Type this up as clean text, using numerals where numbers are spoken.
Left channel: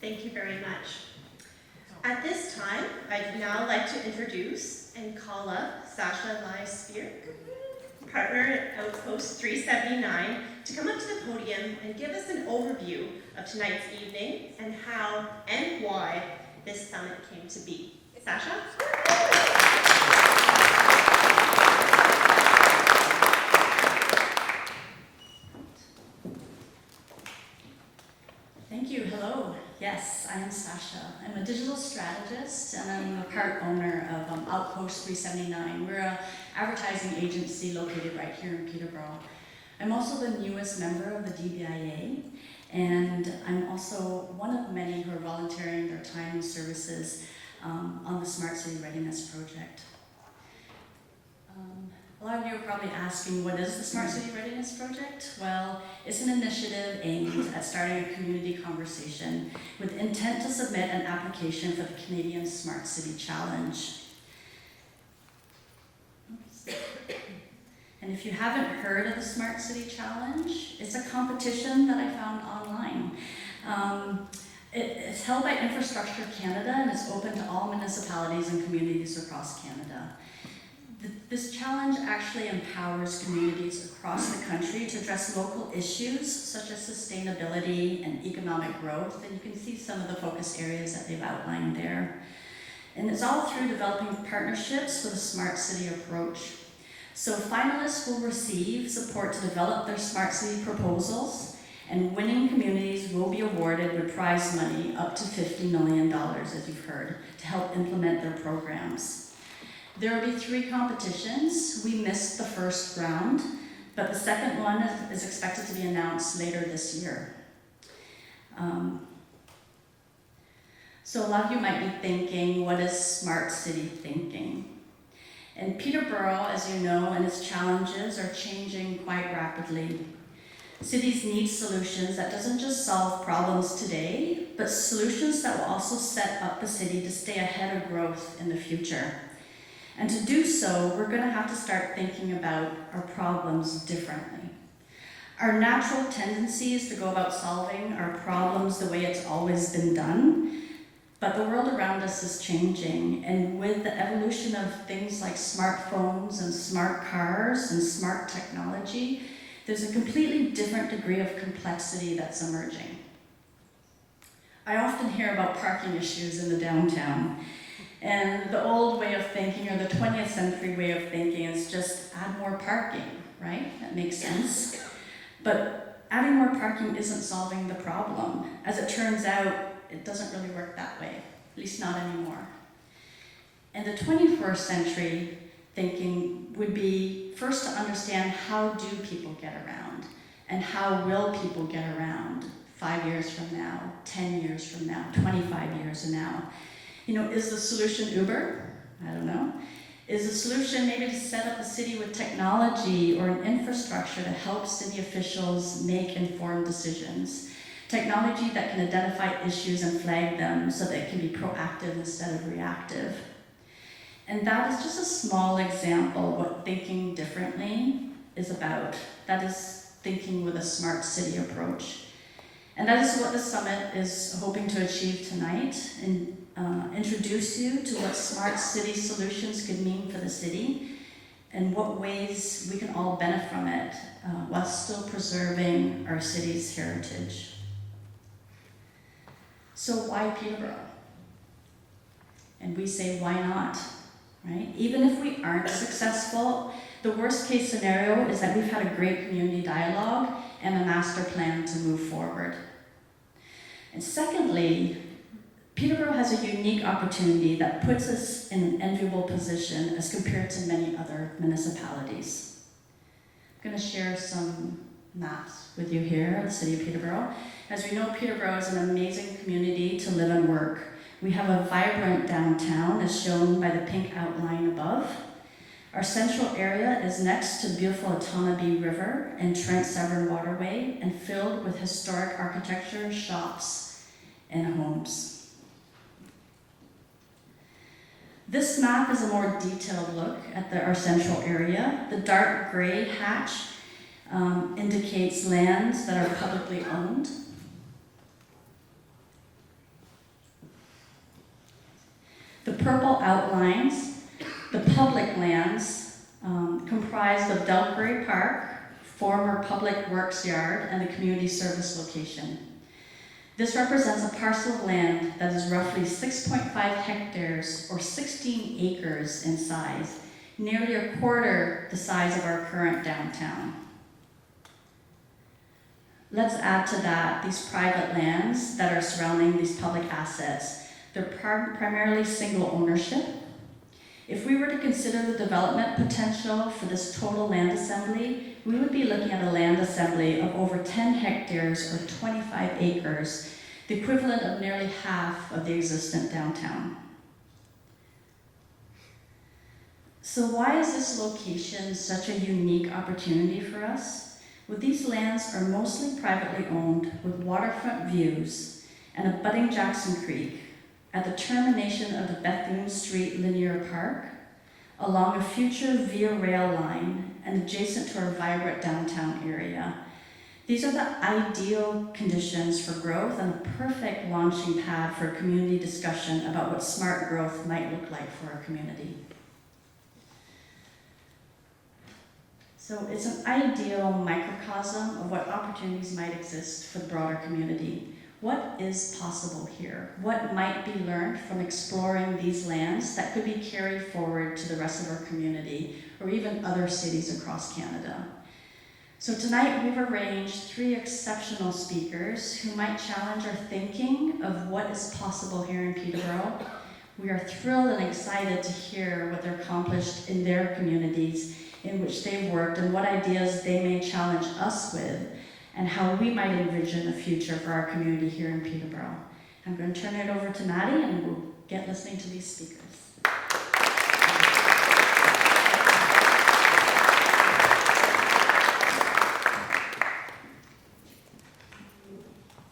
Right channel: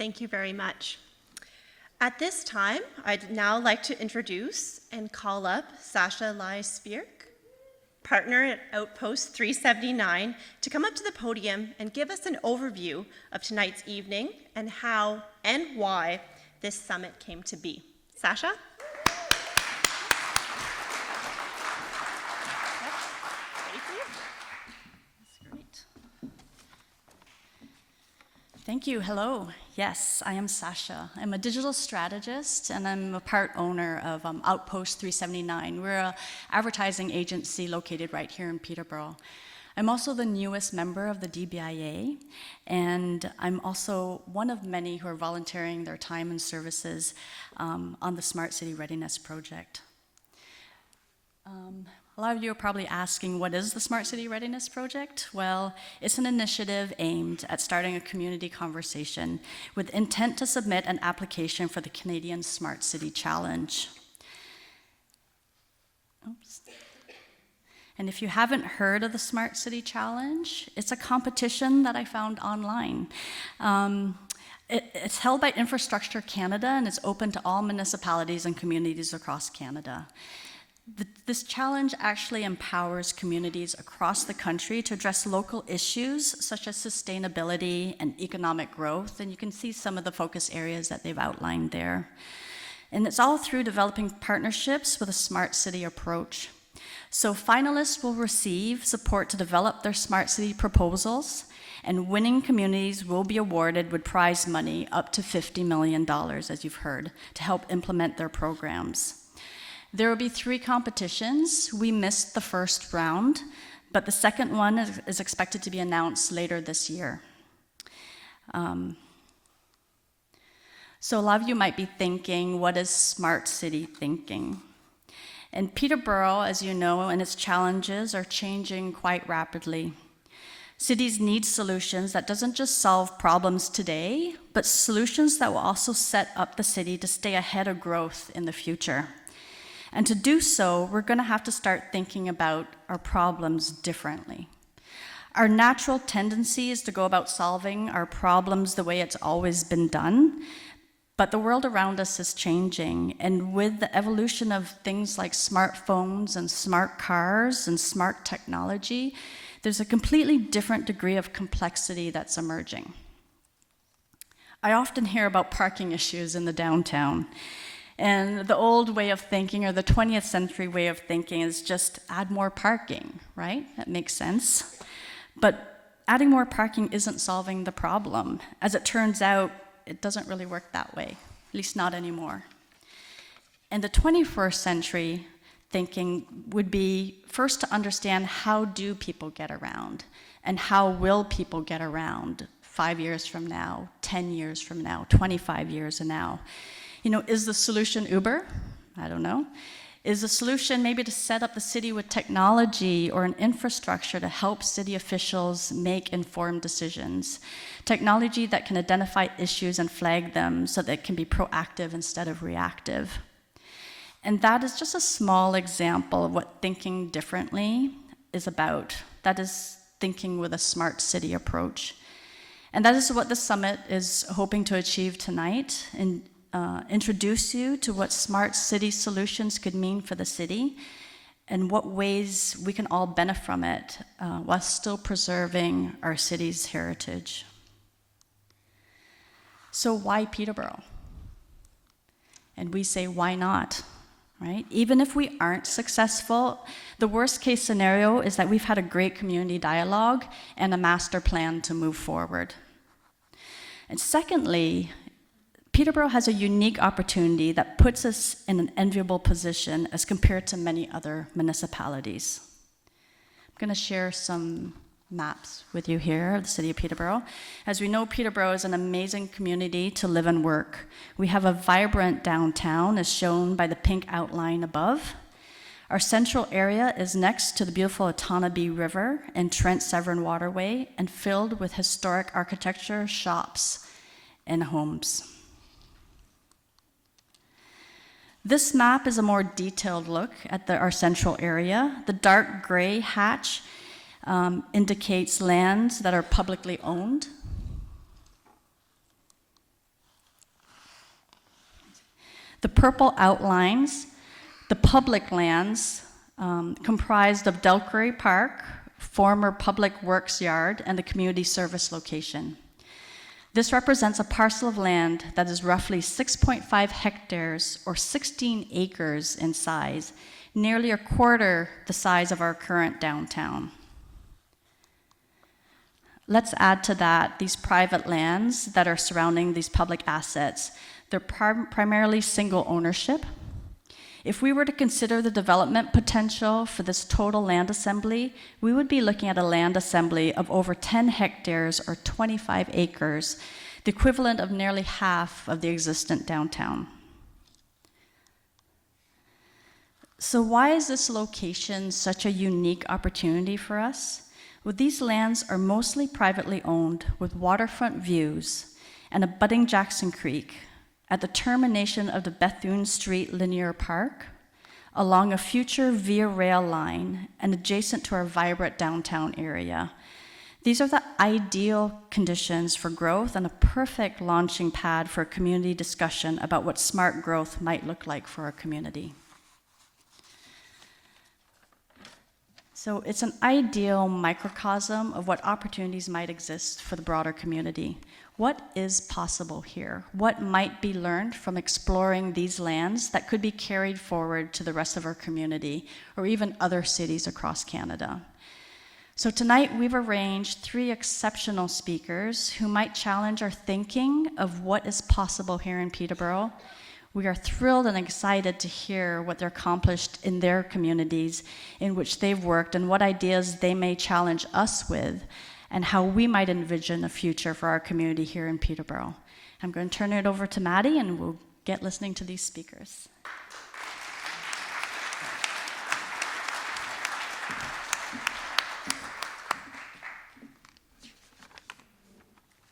Thank you very much. At this time, I'd now like to introduce and call up Sacha Lai-Svirk, partner at Outpost 379, to come up to the podium and give us an overview of tonight's evening and how and why this summit came to be. Sacha? Thank you. Hello. Yes, I am Sacha. I'm a digital strategist and I'm a part owner of Outpost 379. We're an advertising agency located right here in Peterborough. I'm also the newest member of the DBIA, and I'm also one of many who are volunteering their time and services on the Smart City Readiness project. A lot of you are probably asking, what is the Smart City Readiness Project? Well, it's an initiative aimed at starting a community conversation with intent to submit an application for the Canadian Smart City Challenge. Oops. And if you haven't heard of the Smart City Challenge, it's a competition that I found online. It's held by Infrastructure Canada, and it's open to all municipalities and communities across Canada. This challenge actually empowers communities across the country to address local issues such as sustainability and economic growth, and you can see some of the focus areas that they've outlined there. And it's all through developing partnerships with a smart city approach. So finalists will receive support to develop their smart city proposals, and winning communities will be awarded with prize money up to $50 million, as you've heard, to help implement their programs. There will be 3 competitions. We missed the first round, but the second one is expected to be announced later this year. So a lot of you might be thinking, what is smart city thinking? And Peterborough, as you know, and its challenges are changing quite rapidly. Cities need solutions that doesn't just solve problems today, but solutions that will also set up the city to stay ahead of growth in the future. And to do so, we're going to have to start thinking about our problems differently. Our natural tendency is to go about solving our problems the way it's always been done, but the world around us is changing, and with the evolution of things like smartphones and smart cars and smart technology, there's a completely different degree of complexity that's emerging. I often hear about parking issues in the downtown. And the old way of thinking, or the 20th century way of thinking, is just add more parking, right? That makes sense. But adding more parking isn't solving the problem. As it turns out, it doesn't really work that way, at least not anymore. And the 21st century thinking would be first to understand, how do people get around? And how will people get around 5 years from now, 10 years from now, 25 years from now? You know, is the solution Uber? I don't know. Is the solution maybe to set up the city with technology or an infrastructure to help city officials make informed decisions? Technology that can identify issues and flag them so that it can be proactive instead of reactive. And that is just a small example of what thinking differently is about. That is thinking with a smart city approach. And that is what the summit is hoping to achieve tonight, and introduce you to what smart city solutions could mean for the city and what ways we can all benefit from it while still preserving our city's heritage. So why Peterborough? And we say, why not? Right? Even if we aren't successful, the worst case scenario is that we've had a great community dialogue and a master plan to move forward. And secondly, Peterborough has a unique opportunity that puts us in an enviable position as compared to many other municipalities. I'm going to share some maps with you here of the city of Peterborough. As we know, Peterborough is an amazing community to live and work. We have a vibrant downtown, as shown by the pink outline above. Our central area is next to the beautiful Otonabee River and Trent Severn Waterway, and filled with historic architecture, shops, and homes. This map is a more detailed look at our central area. The dark gray hatch indicates lands that are publicly owned. The purple outlines the public lands comprised of Delcurry Park, former Public Works Yard, and the community service location. This represents a parcel of land that is roughly 6.5 hectares or 16 acres in size, nearly a quarter the size of our current downtown. Let's add to that these private lands that are surrounding these public assets. They're primarily single ownership. If we were to consider the development potential for this total land assembly, we would be looking at a land assembly of over 10 hectares or 25 acres, the equivalent of nearly half of the existent downtown. So why is this location such a unique opportunity for us? Well, these lands are mostly privately owned with waterfront views and abutting Jackson Creek at the termination of the Bethune Street Linear Park, along a future Via Rail line and adjacent to our vibrant downtown area. These are the ideal conditions for growth and a perfect launching pad for a community discussion about what smart growth might look like for our community. So it's an ideal microcosm of what opportunities might exist for the broader community. What is possible here? What might be learned from exploring these lands that could be carried forward to the rest of our community or even other cities across Canada? So tonight we've arranged 3 exceptional speakers who might challenge our thinking of what is possible here in Peterborough. We are thrilled and excited to hear what they're accomplished in their communities in which they've worked and what ideas they may challenge us with, and how we might envision a future for our community here in Peterborough. I'm going to turn it over to Maddie, and we'll get listening to these speakers.